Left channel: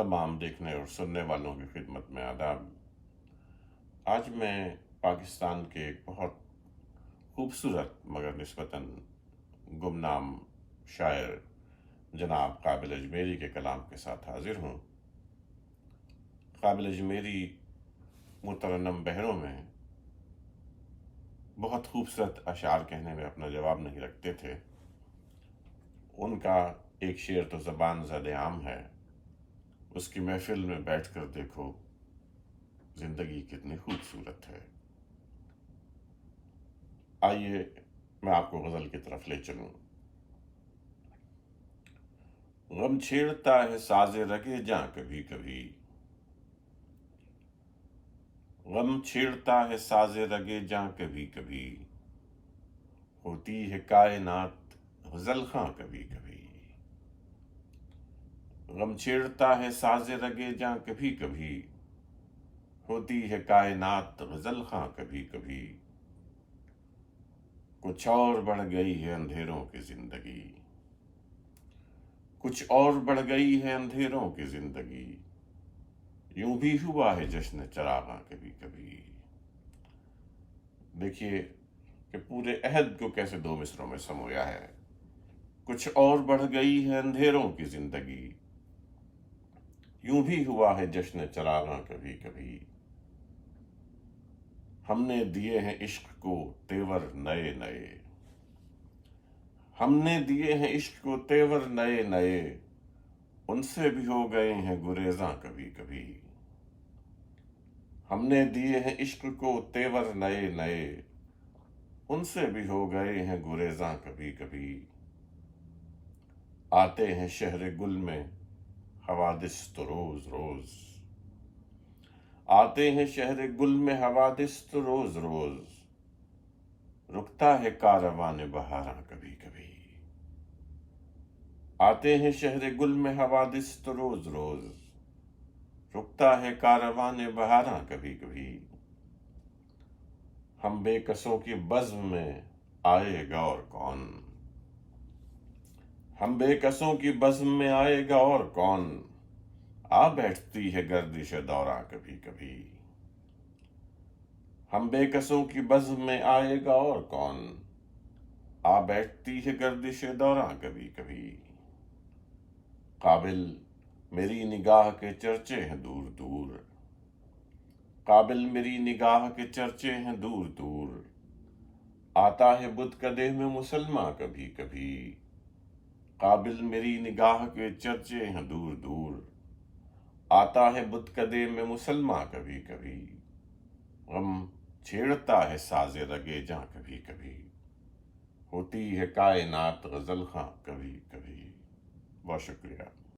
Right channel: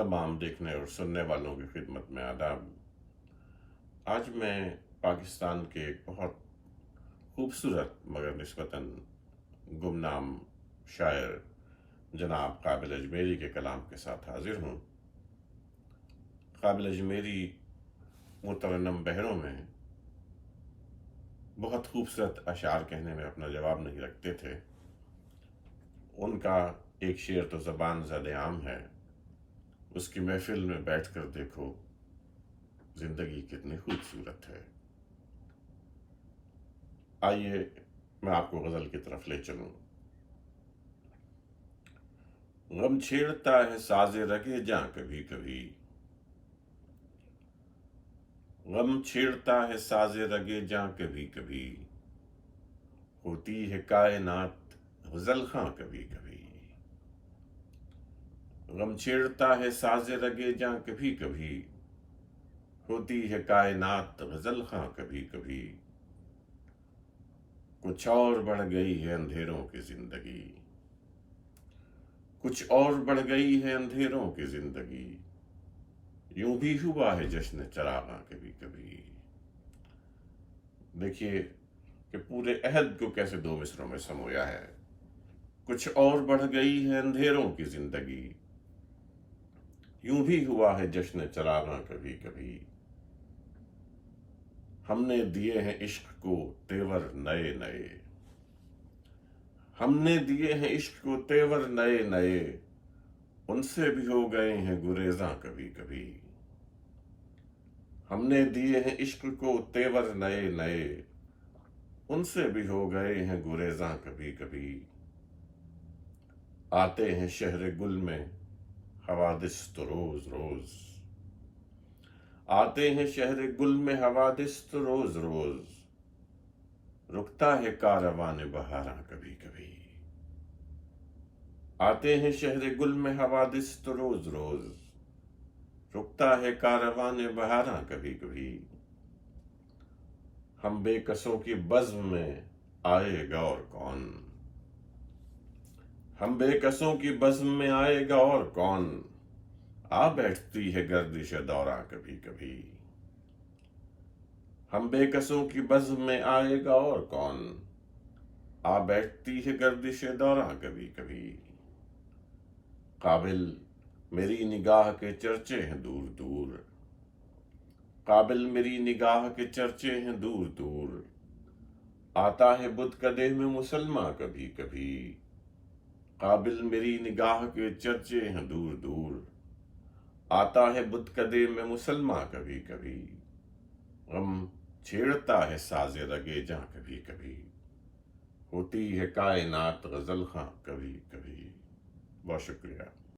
तमाम देखने और सुनने वालों की खिदमत में आदाब। आज मैं पाकिस्तान के एक बहुत खूबसूरत मगर निस्बतन गुमनाम शायर जनाब काबिल अजमेरी के कलाम के साथ हाजिर हूँ। काबिल अजमेरी मुतरन्नम बहरों में बहुत खूबसूरत अशार कहने में अपना जवाब नहीं रखते थे। उनका एक शेर तो ज़बान ज़द-ए-आम है, उसकी महफिल में बैठकर देखो जिंदगी कितनी खूबसूरत है। आइए मैं आपको गज़ल की तरफ ले चलूं। गम छेड़ता है साजे रगे जां कभी कभी, गम छेड़ता है साजे रगे जां कभी कभी, होती है कायनात गज़ल खां कभी कभी। गम छेड़ता है साजे रगे जां कभी कभी, होती है कायनात गज़ल खां कभी कभी। कुछ और बढ़ गई है अंधेरों की जिंदगी, कुछ और बढ़ गई है अंधेरों की जिंदगी, यूं भी हुआ है जश्न चरागां कभी कभी। देखिए कि पूरे अहद को कैसे दो मिसरों में समोया है। कुछ और बढ़ गई है अंधेरों की जिंदगी, यूं भी हुआ है जश्न चरागां कभी कभी। हमने दिए हैं इश्क को तेवर नए नए, हमने दिए हैं इश्क को तेवर नए नए, उनसे भी हो गए हैं गुरेज़ां कभी कभी। हमने दिए हैं इश्क को तेवर नए नए, उनसे भी हो गए हैं गुरेज़ां कभी कभी। आते हैं शहर गुल में हवादिस तो रोज रोज, आते हैं शहर गुल में हवादिस तो रोज रोज, रुकता है कारवान बहारां कभी कभी। आते हैं शहर गुल में हवादिस तो रोज रोज, रुकता है कारवान बहारां कभी कभी। हम बेकसों की बज़्म में आएगा और कौन, हम बेकसों की बज़्म में आएगा और कौन, आ बैठती है गर्दिश दौरा कभी कभी। हम बेकसों की बज़्म में आएगा और कौन, आ बैठती है गर्दिश दौरा कभी कभी। काबिल मेरी निगाह के चर्चे हैं दूर दूर, काबिल मेरी निगाह के चर्चे हैं दूर दूर, आता है बुत कदे में मुसलमान कभी कभी। काबिल मेरी निगाह के चर्चे हैं दूर दूर, आता है बुत कदे में मुसलमान कभी कभी। गम छेड़ता है साजे रगे जां कभी कभी, होती है कायनात गज़ल खां कभी कभी। बहुत शुक्रिया।